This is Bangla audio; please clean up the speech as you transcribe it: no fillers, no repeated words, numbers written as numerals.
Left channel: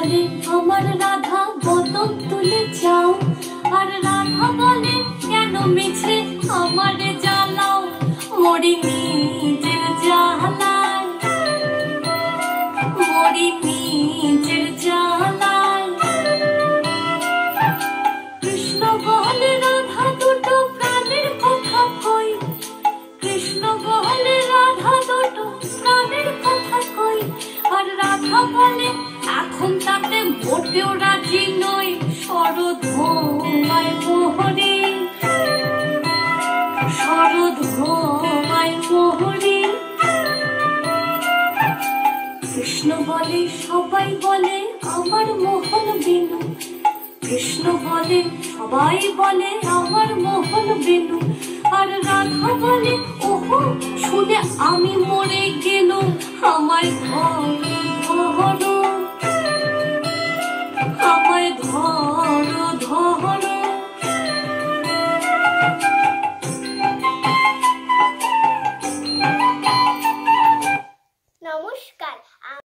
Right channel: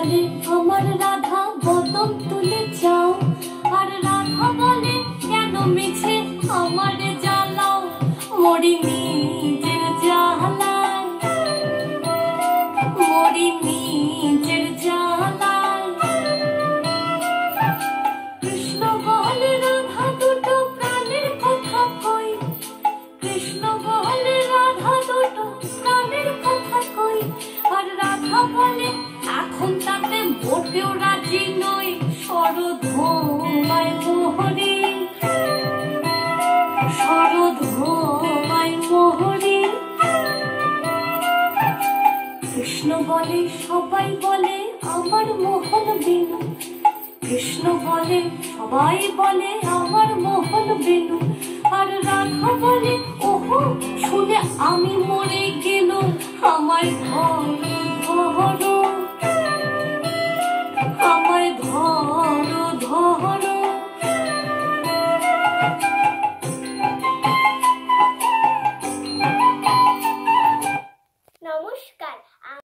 বলে আমার রাধা বদন তুলে যাও, আর রাধা বলে কেন মিছে আমারে জ্বালাও, মরি নিজের জ্বালায়, মরি নিজের জ্বালায়। কৃষ্ণ বলে রাধা দুটো প্রাণের কথা কই, কৃষ্ণ বলে রাধা দুটো প্রাণের কথা কই, আর রাধা বলে এখন তাতে মোটেও রাজি নই, শরৎ ঘুমায় মোহরে, শরৎ ঘুমায় মোহরে। কৃষ্ণ বলে সবাই বলে আমার মোহন বিনু, কৃষ্ণ বলে সবাই বলে আমার মোহন বিনু, আর রাধা বলে ওহো শুনে আমি মরি।